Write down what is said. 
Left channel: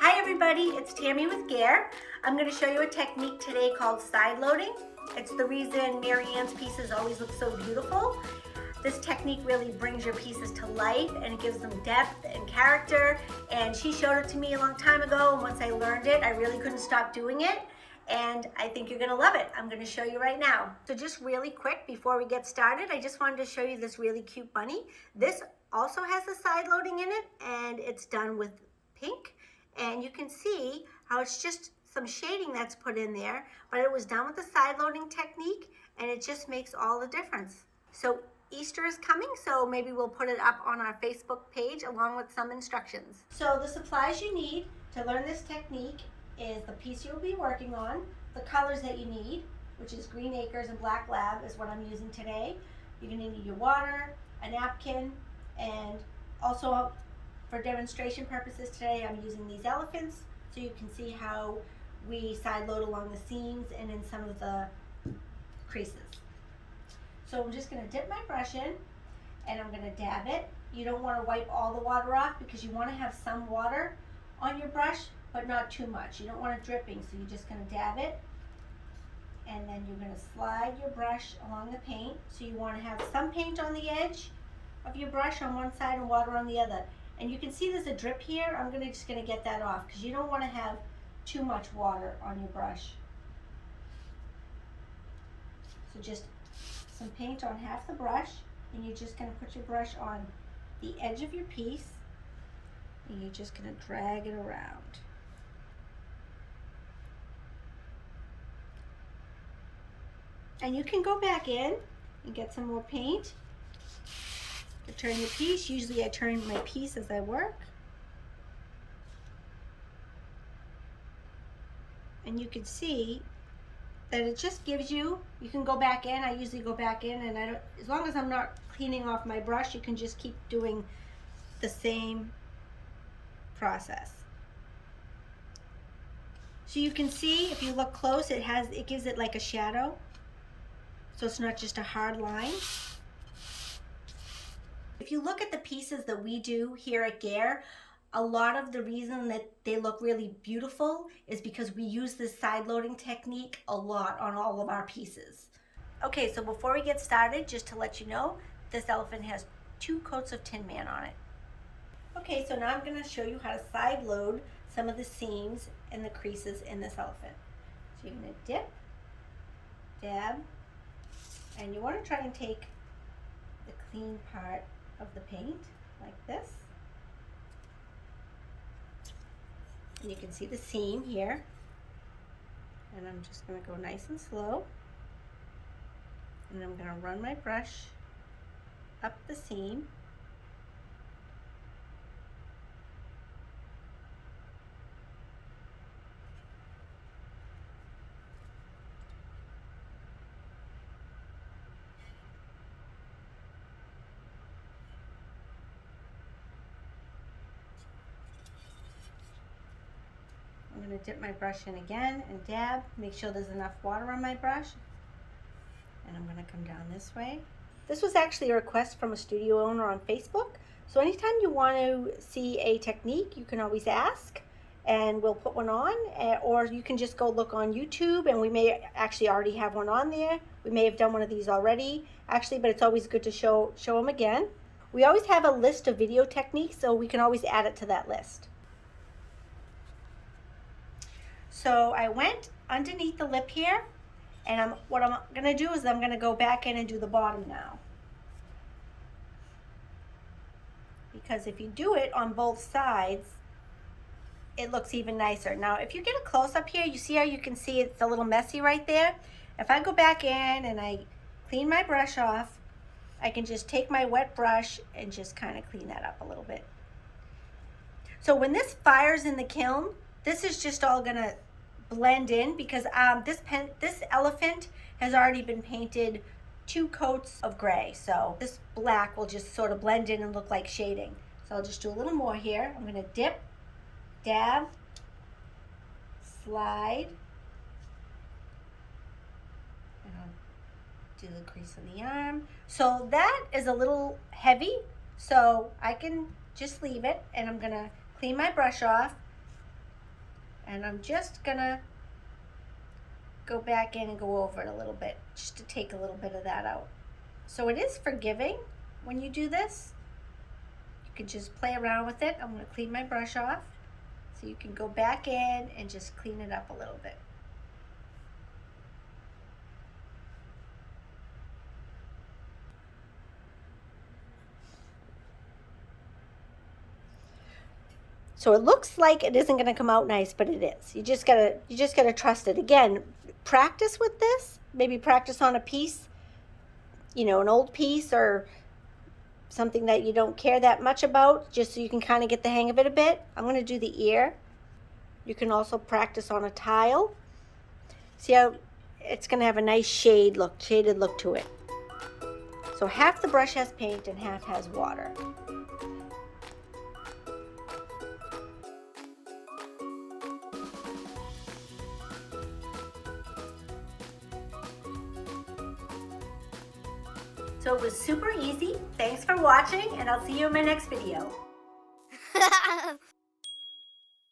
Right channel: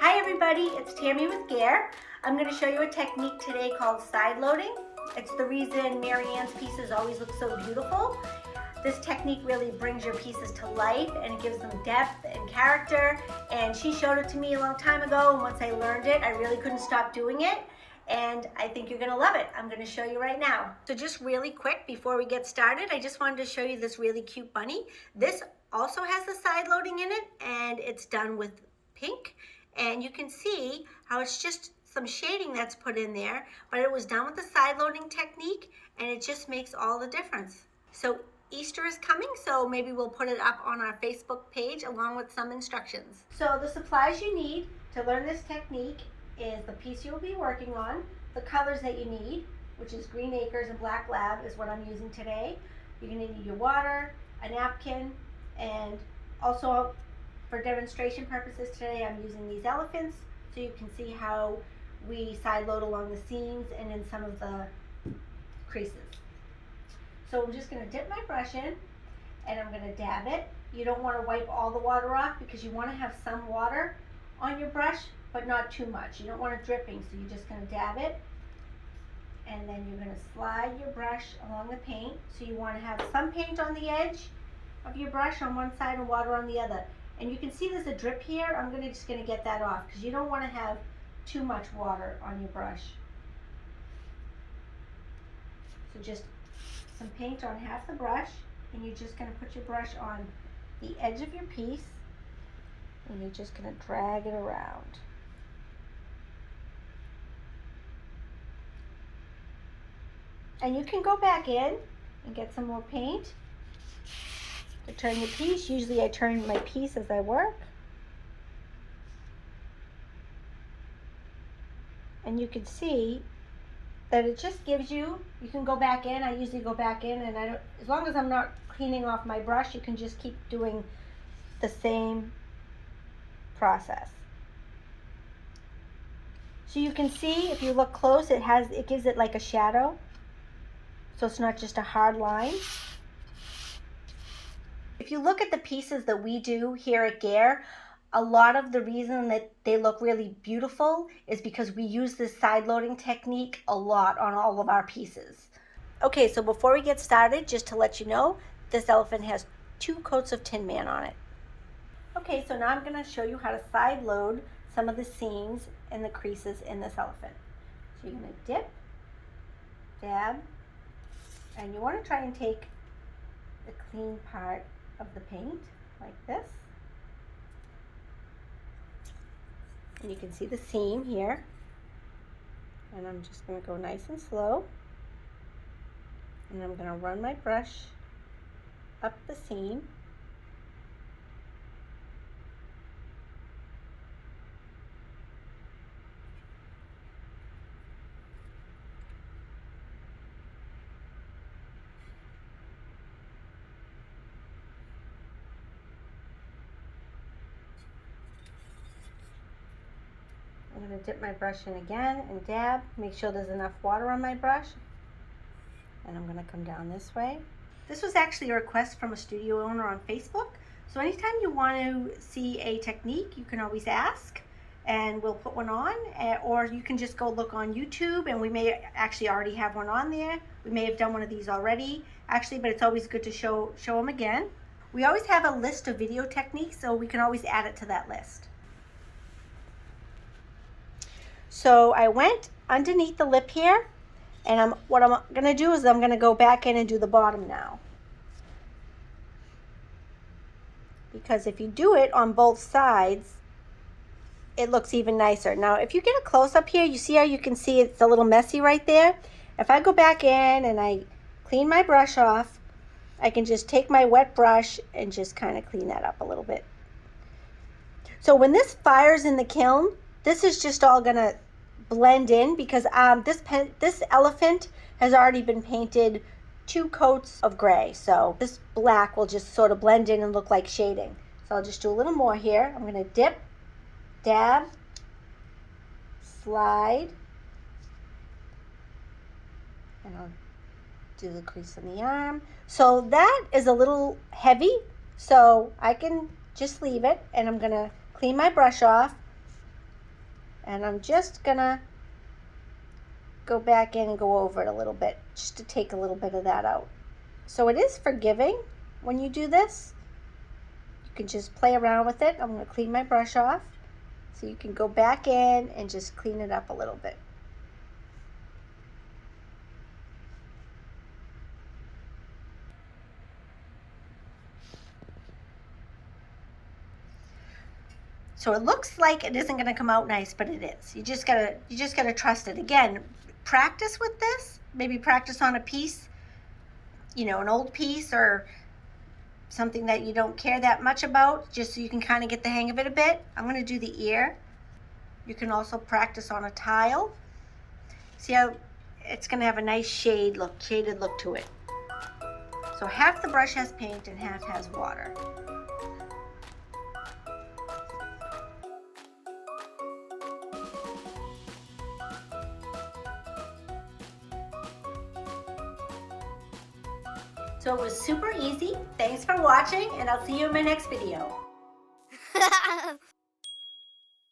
Hi everybody, it's Tammy with Gare. I'm going to show you a technique today called side loading. It's the reason Marianne's pieces always look so beautiful. This technique really brings your pieces to life and it gives them depth and character, and she showed it to me a long time ago, and once I learned it I really couldn't stop doing it, and I think you're going to love it. I'm going to show you right now. So just really quick before we get started, I just wanted to show you this really cute bunny. This also has the side loading in it, and it's done with pink, and you can see how it's just some shading that's put in there, but it was done with the side loading technique, and it just makes all the difference. So Easter is coming, so maybe we'll put it up on our Facebook page along with some instructions. So the supplies you need to learn this technique is the piece you'll be working on, the colors that you need, which is Green Acres and Black Lab is what I'm using today. You're going to need your water, a napkin, and also for demonstration purposes today I'm using these elephants so you can see how we side load along the seams and in some of the creases. So I'm just going to dip my brush in and I'm going to dab it. You don't want to wipe all the water off because you want to have some water on your brush, but not too much. You don't want it dripping, so you're just going to dab it, and then you're going to slide your brush along the paint. So you want to have some paint on the edge of your brush on one side and water on the other. And you can see there's a drip here. I'm just going to get that off because you don't want to have too much water on your brush. So just some paint on half the brush, and you're just going to put your brush on the edge of your piece, and you're just going to drag it around. And you can go back in and get some more paint to turn your piece. Usually I turn my piece as I work. And you can see that it just gives you can go back in. I usually go back in, and as long as I'm not cleaning off my brush, you can just keep doing the same process. So you can see if you look close, it gives it like a shadow. So it's not just a hard line. If you look at the pieces that we do here at Gare, a lot of the reason that they look really beautiful is because we use this side loading technique a lot on all of our pieces. Okay, so before we get started, just to let you know, this elephant has 2 coats of Tin Man on it. Okay, so now I'm going to show you how to side load some of the seams and the creases in this elephant. So you're going to dip, dab, and you want to try and take the clean part of the paint like this. And you can see the seam here. And I'm just going to go nice and slow. And I'm going to run my brush up the seam. I'm going to dip my brush in again and dab, make sure there's enough water on my brush, and I'm going to come down this way. This was actually a request from a studio owner on Facebook, so anytime you want to see a technique, you can always ask and we'll put one on, or you can just go look on YouTube, and we may actually already have one on there. We may have done one of these already actually, but it's always good to show them again. We always have a list of video techniques, so we can always add it to that list. So I went underneath the lip here, and what I'm going to do is I'm going to go back in and do the bottom now. Because if you do it on both sides, it looks even nicer. Now if you get a close-up here, you see how you can see it's a little messy right there? If I go back in and I clean my brush off, I can just take my wet brush and just kind of clean that up a little bit. So when this fires in the kiln, this is just all going to blend in because this elephant has already been painted 2 coats of gray, so this black will just sort of blend in and look like shading. So I'll just do a little more here. I'm going to dip, dab, slide, and I'll do the crease on the arm. So that is a little heavy, so I can just leave it, and I'm gonna clean my brush off, and I'm just gonna go back in and go over it a little bit just to take a little bit of that out. So it is forgiving when you do this. You can just play around with it. I'm gonna clean my brush off so you can go back in and just clean it up a little bit. So it looks like it isn't going to come out nice, but it is. You just gotta trust it. Again, practice with this. Maybe practice on a piece, an old piece or something that you don't care that much about, just so you can kind of get the hang of it a bit. I'm going to do the ear. You can also practice on a tile. See how it's going to have a nice shaded look to it. So half the brush has paint and half has water. So it was super easy. Thanks for watching, and I'll see you in my next video.